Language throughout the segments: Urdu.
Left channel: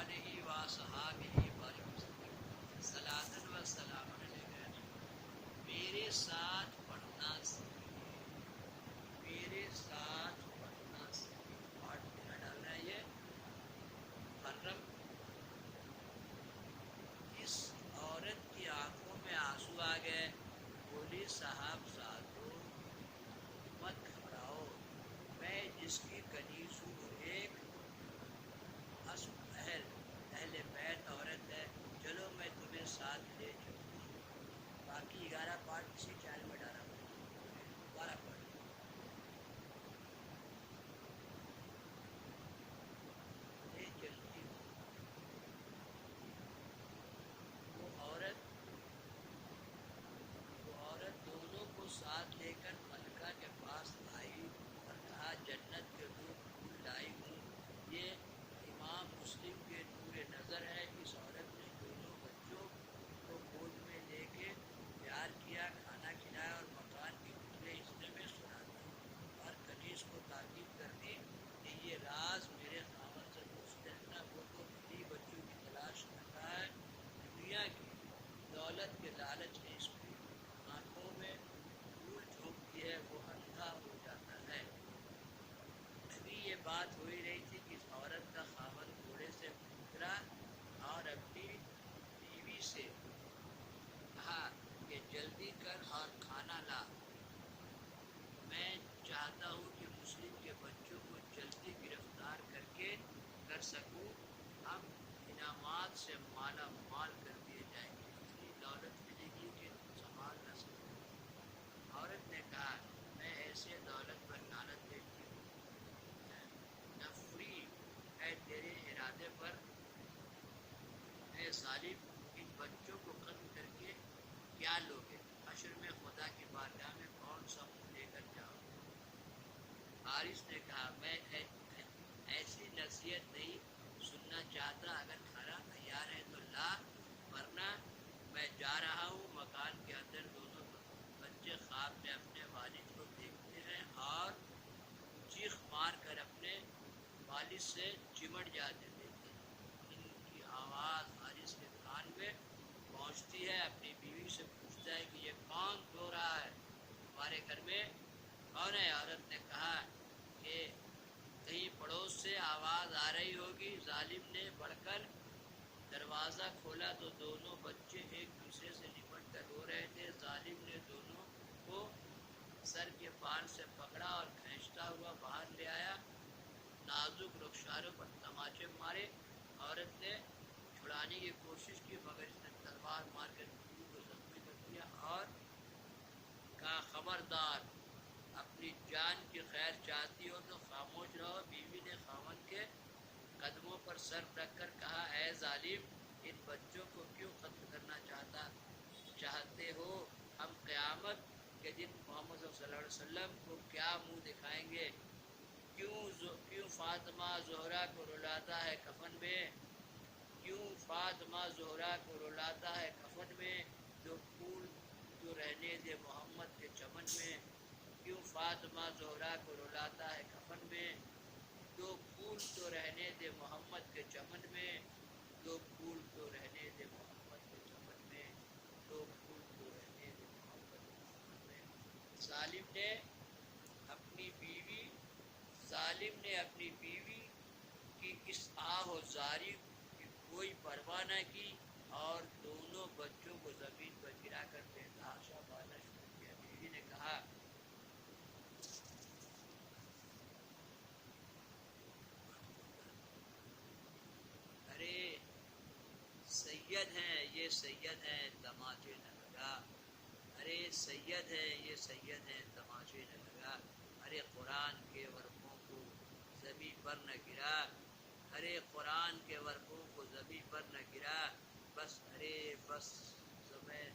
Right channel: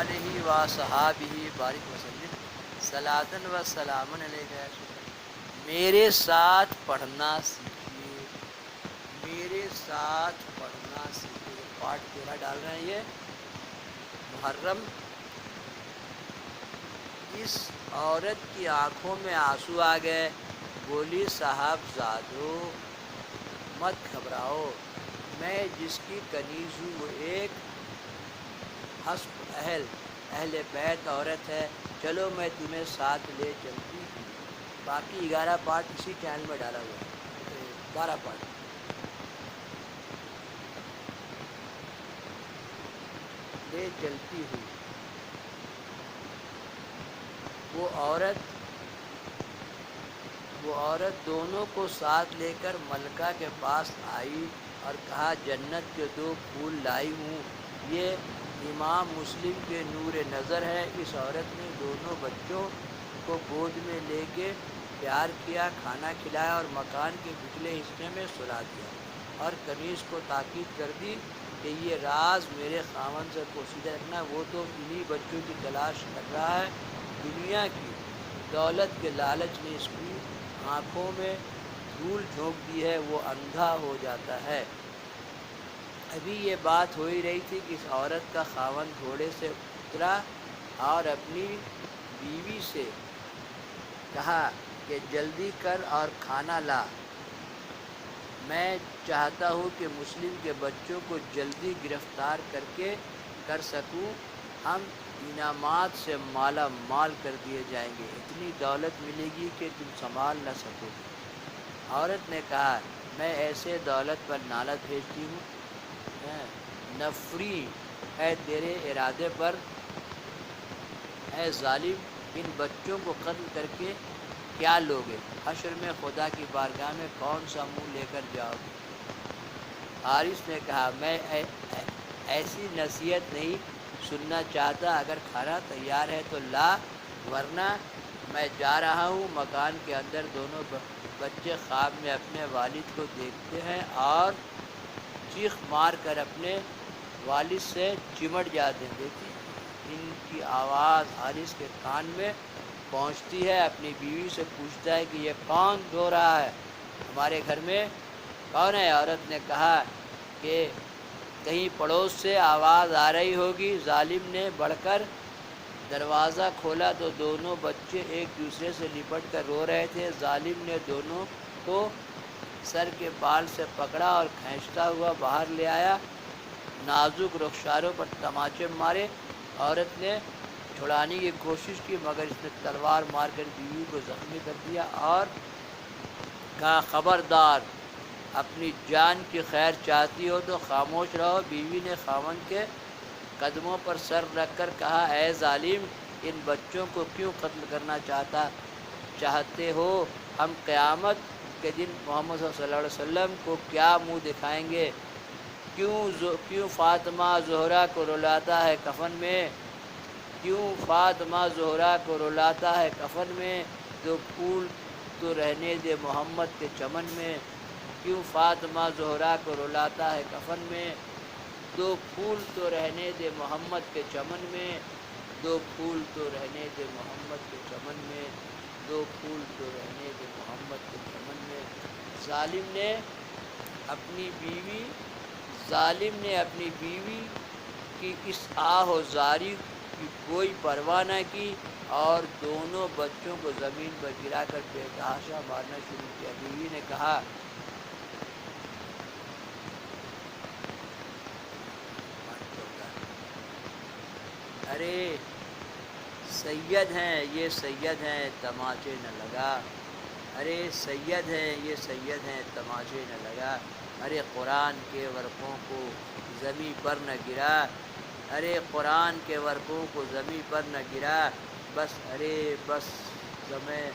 آلہ و صحابہ بارک وسلم صلاۃ و سلام علیہ۔ میرے ساتھ پڑھنا سیکھیے، میرے ساتھ پڑھنا سیکھیے۔ پارٹ 13 ڈال رہے ہیں یہ محرم۔ اس عورت کی آنکھوں میں آنسو آ گئے، بولی صاحب زادو مت گھبراؤ، میں جس کی کنیز ہوں وہ ایک حسب اہل بیت عورت ہے، چلو میں تمہیں ساتھ لے چلتی ہوں۔ باقی 11 پارٹ اسی چینل میں ڈالا ہوا ہے، 12 پارٹ لے چلتی ہوں۔ وہ عورت دونوں کو ساتھ لے کر ملکہ کے پاس آئی اور کہا جنت کے 2 پھول لائی ہوں، یہ امام مسلم کے نور نظر ہے۔ اس عورت نے دونوں بچوں کو گود میں لے کے پیار کیا، کھانا کھلایا اور مکان کے پچھلے حصے میں سلا دیا، اور کنیز کو تاکید کر دی کہ یہ راز میرے خاوند سے پوشیدہ رکھنا، وہ تو انہی بچوں کی تلاش کر رہا ہے۔ دنیا کی دولت کے لالچ نے اس کی آنکھوں میں دھول جھونک دی ہے، وہ اندھا ہو جاتا ہے۔ ابھی یہ بات ہو ہی رہی تھی کہ اس عورت کا خاوند گھوڑے سے اترا اور اپنی بیوی سے کہا کہ جلدی کر اور کھانا لا، میں چاہتا ہوں کہ مسلم کے بچوں کو جلدی گرفتار کر سکوں، ہم انعامات سے مالا مال کر دیے جائیں گے، اتنی دولت ملے گی کہ تم سنبھال نہ سکو گے۔ عورت نے کہا میں ایسے دولت پر لعنت بھیجتی ہوں، نفری ہے تیرے ارادے پر، اے ظالم، ان بچوں کو قتل کر کے کیا لوگے؟ حشر میں خدا کی بارگاہ میں کون سا منہ لے کر جاؤ گے؟ حارث نے کہا میں ایسی نصیحت نہیں سننا چاہتا، اگر کھانا تیار ہے تو لا، ورنہ میں جا رہا ہوں۔ مکان کے اندر دونوں بچے خواب میں اپنے والد کو دیکھتے ہیں اور چیخ مار کر اپنے والد سے چمٹ جاتے ہیں۔ دیکھیں ان کی آواز حارث کے کان میں پہنچتی ہے، اپنی بیوی سے پوچھتا ہے کہ یہ کون رو رہا ہے، ہمارے گھر میں کون ہے؟ عورت نے کہا کہ کہیں پڑوس سے آواز آ رہی ہوگی۔ ظالم نے بڑھ کر دروازہ کھولا تو دونوں بچے ایک دوسرے سے لپٹ کر رو رہے تھے۔ ظالم نے دونوں کو سر کے بال سے پکڑا اور کھینچتا ہوا باہر لے آیا، نازک رخساروں پر تماچے مارے۔ عورت نے چھڑانے کی کوشش کی مگر اس نے تلوار مار کر بیوی کو زخمی کر دیا اور کہا خبردار، اپنی جان کی خیر چاہتی ہو تو خاموش رہو۔ بیوی نے خاوند کے قدموں پر سر رکھ کر کہا اے ظالم، ان بچوں کو کیوں قتل کرنا چاہتے ہو؟ ہم قیامت کے دن محمد صلی اللہ علیہ وسلم کو کیا منہ دکھائیں گے؟ کیوں فاطمہ زہرا کو رلاتا ہے کفن میں؟ کیوں فاطمہ زہرا کو رلاتا ہے کفن میں؟ 2 پھول تو رہنے دے محمد کے چمن میں۔ کیوں فاطمہ زہرا کو رلاتا ہے کفن میں؟ 2 پھول تو رہنے دے محمد کے چمن میں، 2 پھول تو رہنے دے محمد کے چمن میں، 2 پھول تو رہنے دے محمد کے چمن میں۔ ظالم نے اپنی بیوی کی اس آہ و زاری کی کوئی پرواہ نہ کی اور دونوں بچوں کو زمین پر گرا کر بے تحاشا مارنا شروع کیا۔ بیوی نے کہا ارے سید ہیں یہ سید ہیں تماچے نہ لگا، ارے سید ہیں یہ سید ہیں تماچے نہ لگا، ارے قرآن کے ورقوں کو زمیں پر نہ گرا، ارے قرآن کے ورقوں کو زمیں پر نہ گرا، بس ارے بس زمیں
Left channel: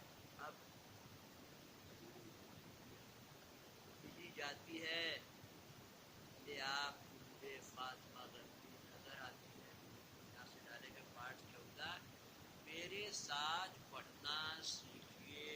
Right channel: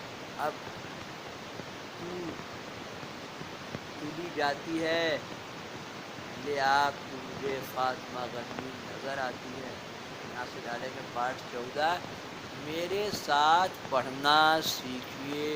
اب تلی جاتی ہے، لے آپ تو مجھے فاطمہ غمگین نظر آتی ہے۔ ناصر ڈالے کے پارٹ 14 میرے ساتھ پڑھنا سیکھیے،